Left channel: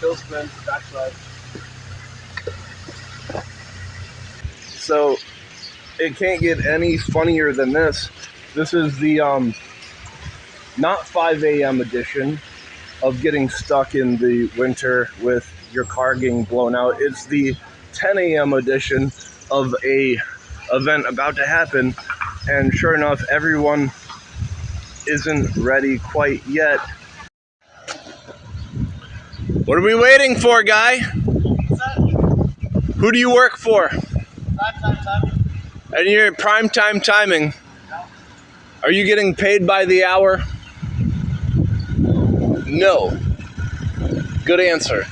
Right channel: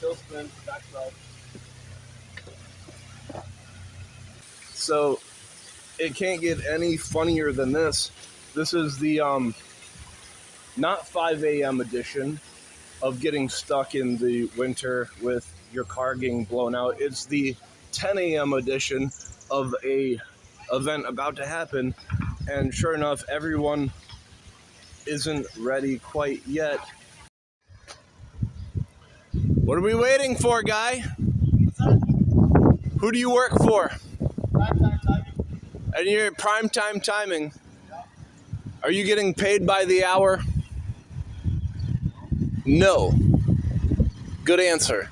Hill spin, backside. So it can't get any funnier than this. This is the not 5 a.m. edition of getting stuck in the winter with your car getting blown out. It's the 10 a.m. edition of a event about to happen, and sure enough, everyone isn't ready quite yet. What are we waiting for, guy? Who do you work for? Primetime timing. And you're primetime timing. Are you getting paid by the hour? No. Good answer.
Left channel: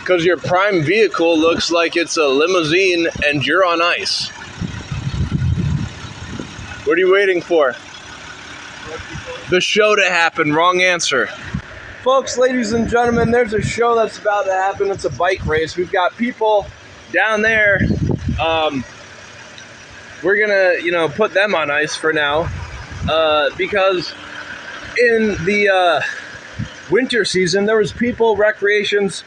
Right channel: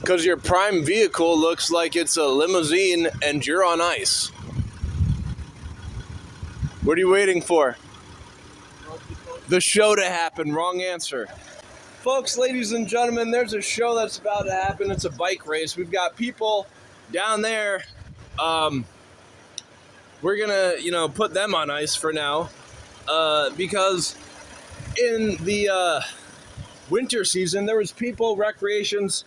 Because your prime vehicle looks like it's a limousine and you're on ice. What are you waiting for? The show to happen. Wrong answer. Folks, ladies and gentlemen, there's a show that's about to happen. It's a bike race. We've got people down there. We're gonna, put them on ice for now, because in the winter season, there was people, recreations,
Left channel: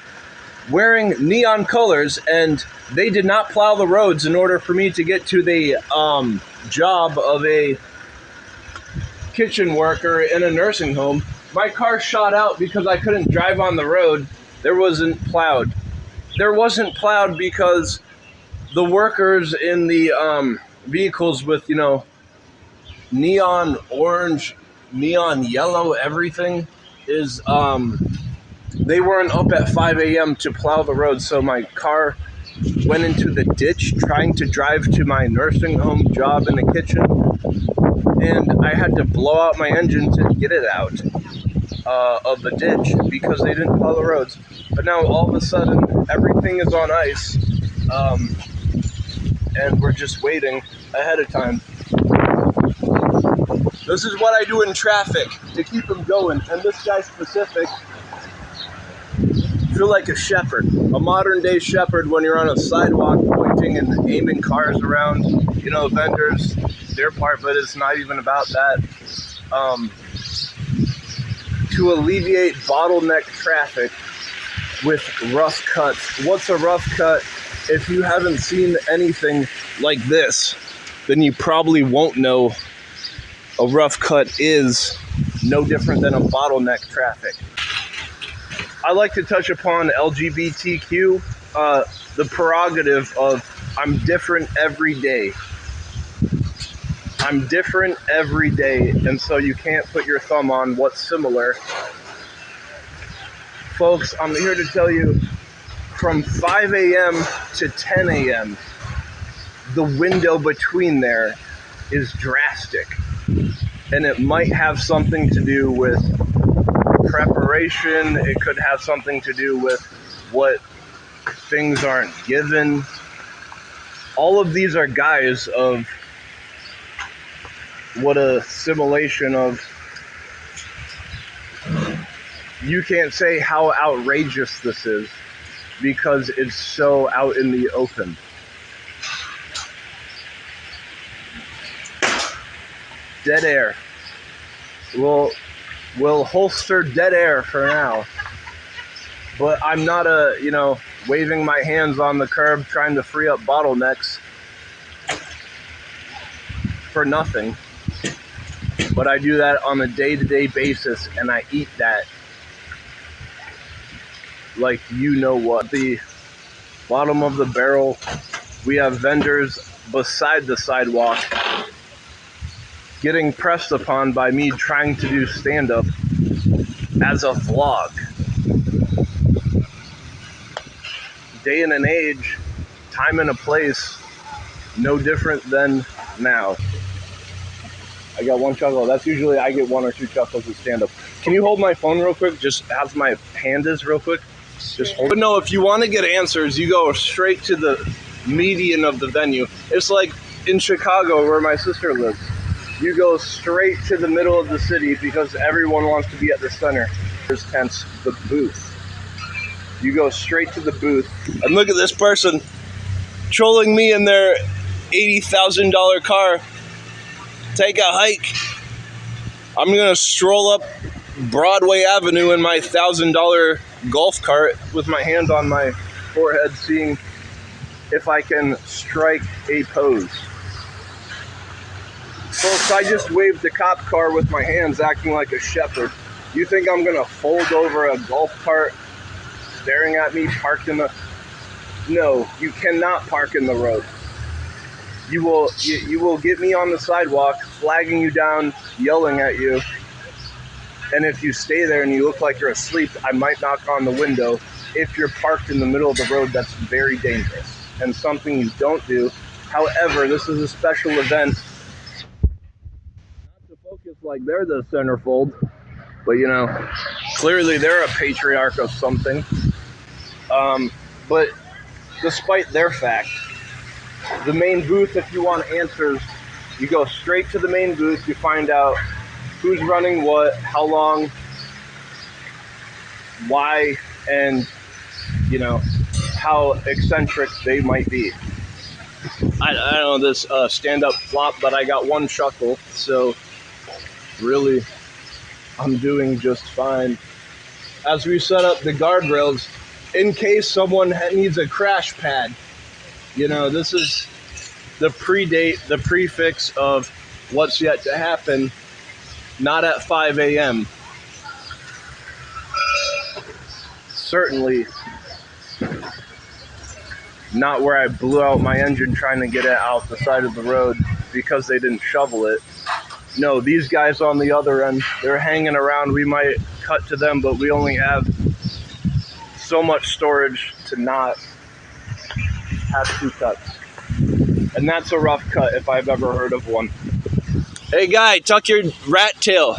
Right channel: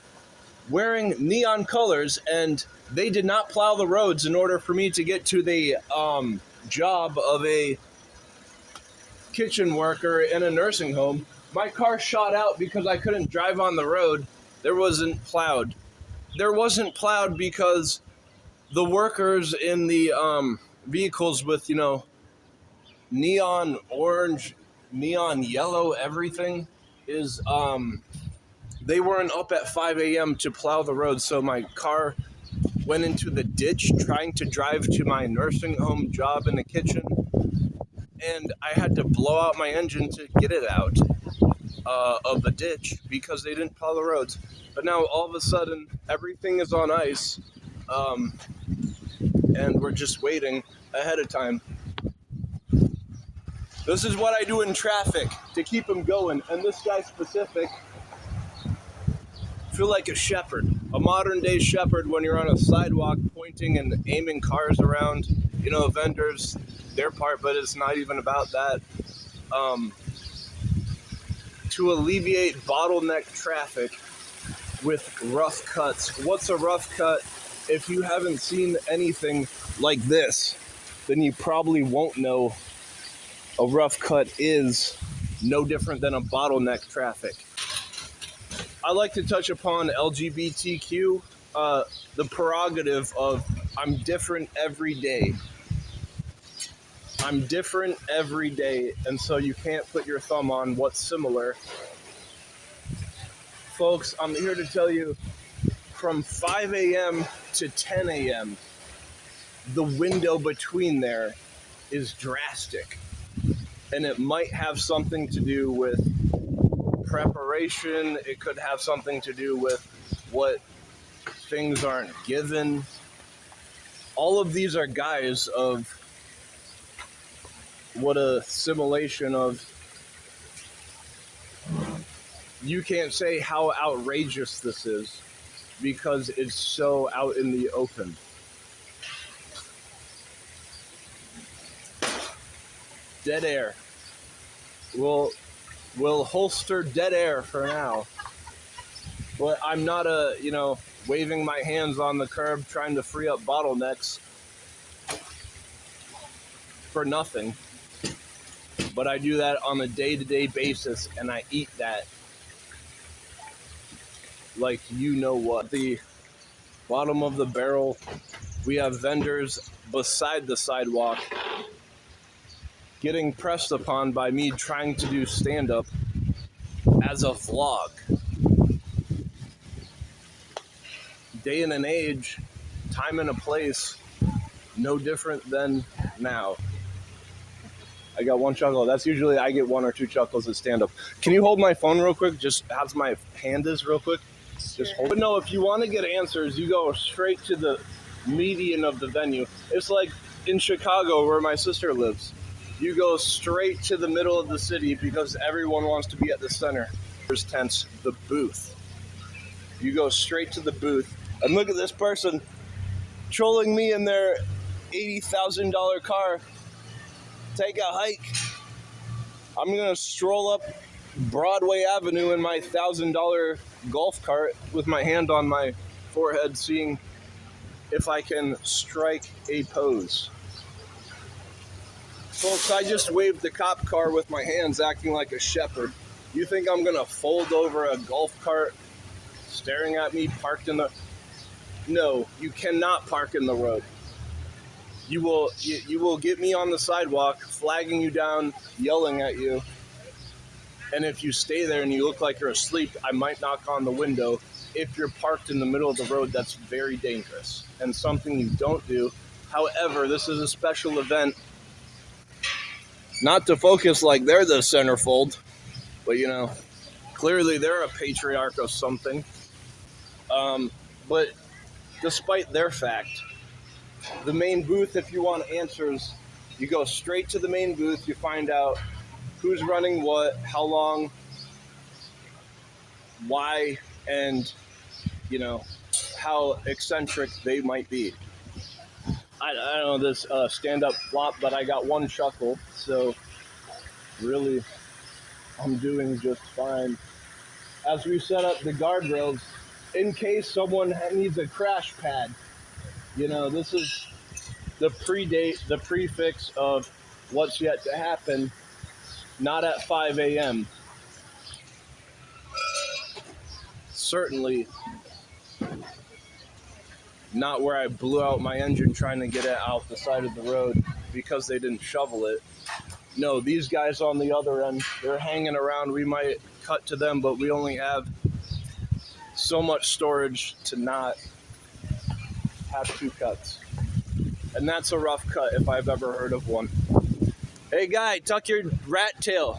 wearing neon colors, and they did not plow the roads in order for me to get to the job of a kitchen worker in a nursing home. My car shot out because I couldn't drive on the road. There wasn't plowed. There wasn't plowed because the workers in the vehicles with, neon orange, neon yellow, everything is, they weren't up at 5 a.m. to plow the road. So my car went into the ditch trying to drive to my nursing home job in the kitchen. And I had to blow out my engine to get it out of the ditch because they didn't plow the roads. But now all of a sudden, everything is on ice, and we're just waiting ahead of time. This is what I do in traffic to keep them going. And this guy specific, feel like a shepherd, a modern day shepherd when you're on a sidewalk pointing and aiming cars around, vendors, their part, but it's not even about that. To alleviate bottleneck traffic with rough cuts. What's a rough cut? If you haven't seen anything like this, then you probably won't know a rough cut is no different than a bottleneck traffic. I like to touch upon LGBTQ, the prerogative of I'm different every day. I'm different every day, and so you can't put your thumb on what's similar. Folks, I'm here to tell you, from 5 a.m. to 10 a.m., the window between there is drastic. And it might have something to do with preparation. It could have something to do with what things aren't given. All of these are guise of what a simulation of. You can't say how outrageous this is because it's so out in the open. Dead air. We'll holster dead air for now. But I'm not waving my hands on the curb trying to free up bottlenecks for nothing. But I do that on a day-to-day basis, and I eat that like you know what. The bottom of the barrel, we have vendors beside the sidewalk getting pressed upon by me trying to do stand-up as a vlog. Day and an age, time and a place, no different than now. I got one chuckle. That's usually I get one or two chuckles at stand-up. Can you hold my phone real quick? Just as my hand is real quick. Just hold it. But no, if you want to get answers, you go straight to the median of the venue. It's like in Chicago where my sister lives. You go straight to the middle of the city because everyone wants to be at the center. There's tents, the booth. You go straight to the booth. And look at this person trolling me in their $80,000 car. Take a hike. I'm gonna stroll up Broadway Avenue in my $1,000 golf cart with my hand on my forehead, seeing if I can strike a pose. Folks, I just waved the cop car with my hands, acting like a shepherd. You think I'm gonna fold over a golf cart staring at me parked in the... No, you cannot park in the road. You will get me on the sidewalk, flagging you down, yelling at you. And if you stay there and you look like you're asleep, I might knock on the window. If you're parked in the middle of the road, that's very dangerous and something you don't do. However, this is a special event. Not to focus like they're the centerfold, but you know, clearly they're a patriarch of something. But despite their fact, the main booth, if you want answers, you go straight to the main booth, you find out who's running what, how long, why, and you know, how eccentric they might be. I don't know this stand-up flop, but I got one chuckle, so really I'm doing just fine. As we set up the guardrails, in case someone needs a crash pad, you know, this is the prefix of what's yet to happen, not at 5 a.m. Certainly not where I blew out my engine trying to get it out the side of the road because they didn't shovel it. No, these guys on the other end, they're hanging around. We might cut to them, but we only have so much storage to not have two cuts. And that's a rough cut if I've ever heard of one. Hey guy, tuck your rat tail.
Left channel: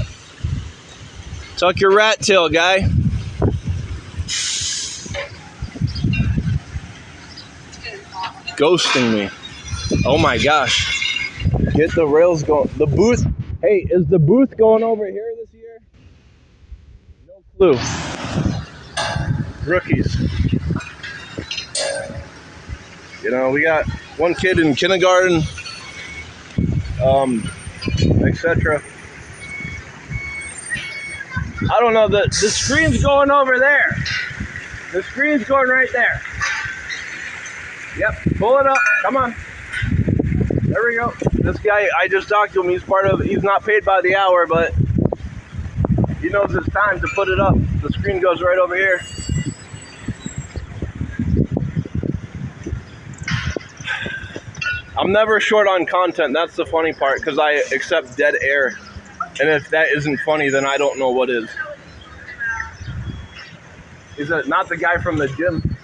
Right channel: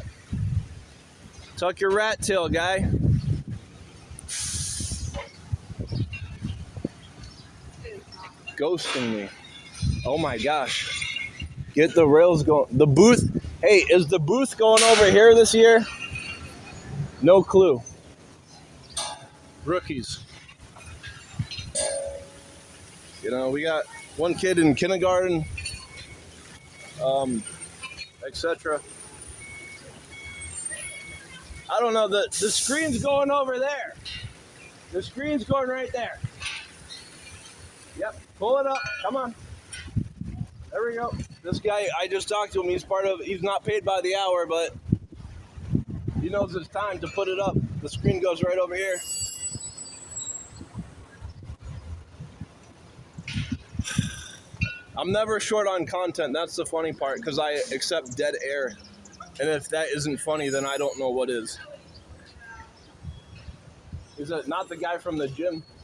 Tuck your rat tail, guy. Ghosting me. Oh my gosh. Get the rails going. The booth. Hey, is the booth going over here this year? No clue. Rookies. You know, we got one kid in kindergarten, etc. I don't know, the screen's going over there. The screen's going right there. Yep, pull it up, come on. There we go. This guy, I just talked to him, he's not paid by the hour, but he knows it's time to put it up. The screen goes right over here. I'm never short on content, that's the funny part, because I accept dead air. And if that isn't funny, then I don't know what is. Is it not the guy from the gym?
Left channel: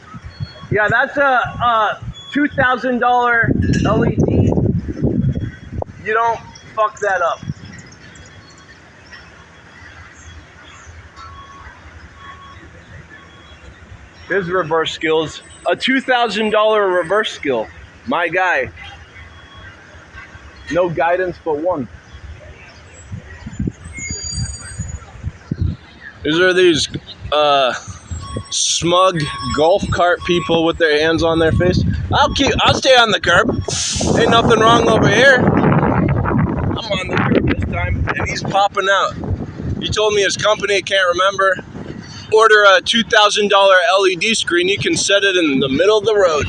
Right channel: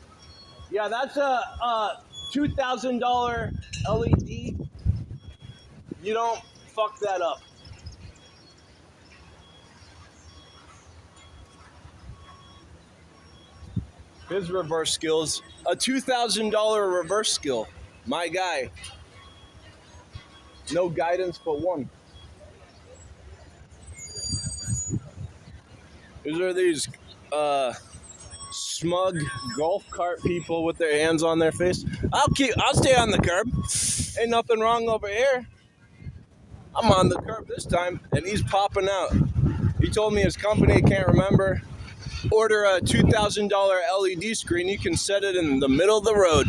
Yeah, that's a $2,000 LED. You don't fuck that up. His reverse skills. A $2,000 reverse skill. My guy. No guidance but one. These are these smug golf cart people with their hands on their face. I'll stay on the curb. Ain't nothing wrong over here. I'm on the curb this time, and he's popping out. He told me his company, can't remember, order a $2,000 LED screen. You can set it in the middle of the road.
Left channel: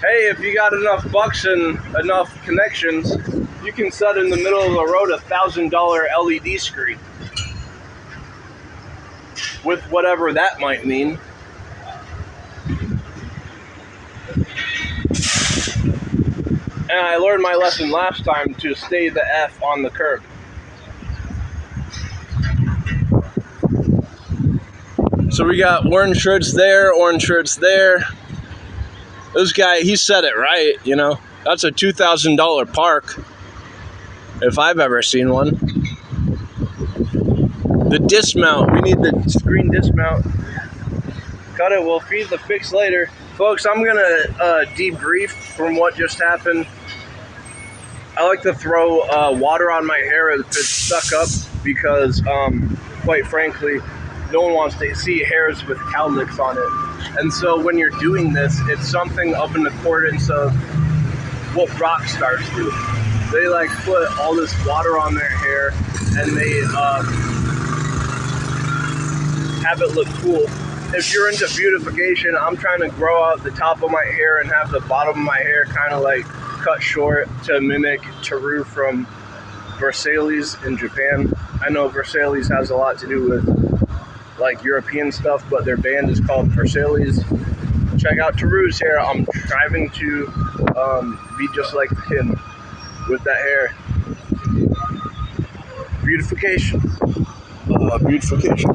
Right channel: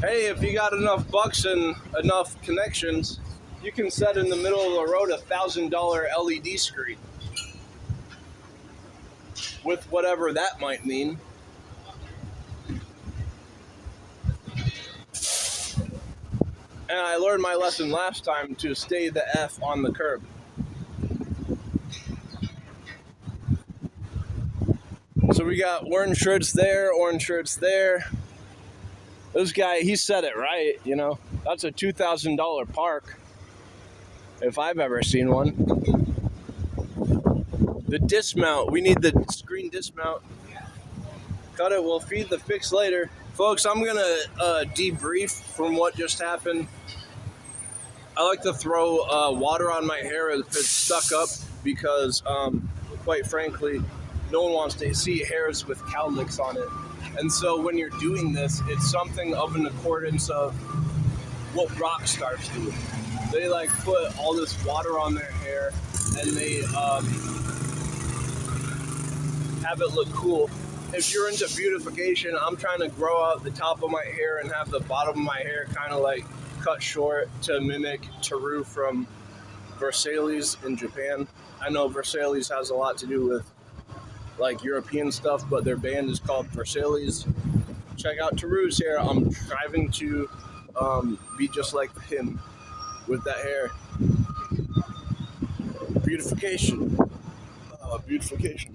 Hey, if you got enough bucks and enough connections, you can set in the middle of the road a $1,000 LED screen. With whatever that might mean. And I learned my lesson last time to stay the F on the curb. So we got orange shirts there, orange shirts there. This guy, he said it right, you know. That's a $2,000 park, if I've ever seen one. The dismount, we need the screen dismount. Got it, we'll feed the fix later. Folks, I'm gonna debrief from what just happened. I like to throw water on my hair if it's stuck up because, quite frankly, no one wants to see hairs with cowlicks on it. And so when you're doing this, it's something up in accordance of what rock stars do. they like put all this water on their hair and they have it look cool. If you're into beautification, I'm trying to grow out the top of my hair and have the bottom of my hair kind of like cut short to mimic Teru from Versailles in Japan. I know Versailles has a lot to do with like European stuff, but their band is called Versailles. Check out Teru's hair. I'm striving to be just like him with that hair. Beautification. Beautification.